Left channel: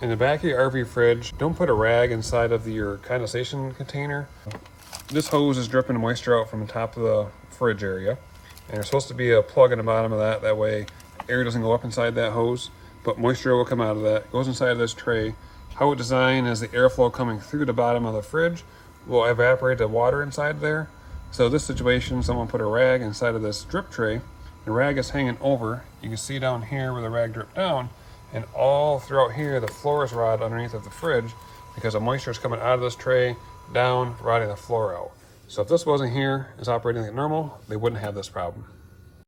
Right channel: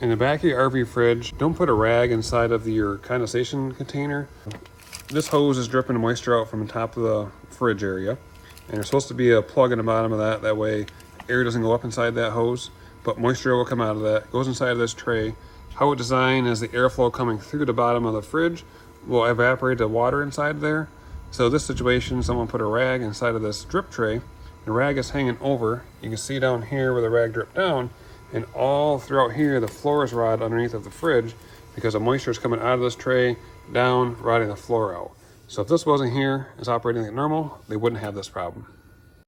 In the back of your RV fridge, don't put a rag inside of your condensation container. This hose is dripping moisture out from the top of the fridge area. And there's supposed to be a plug in the bottom of that. That way air doesn't go up inside that hose, but moisture will come out of that. Goes inside of this tray. How it's designed is the airflow coming through the bottom of the fridge will evaporate the water inside there. So this situation, someone put a rag inside of this drip tray. The rag is hanging over. You can see down here where the rag dripped down. And all throughout here, the floor is rotted underneath of the fridge because the moisture is coming out of this tray, down, rotting the floor out. So if this wasn't here, is operating at normal, they wouldn't have this problem.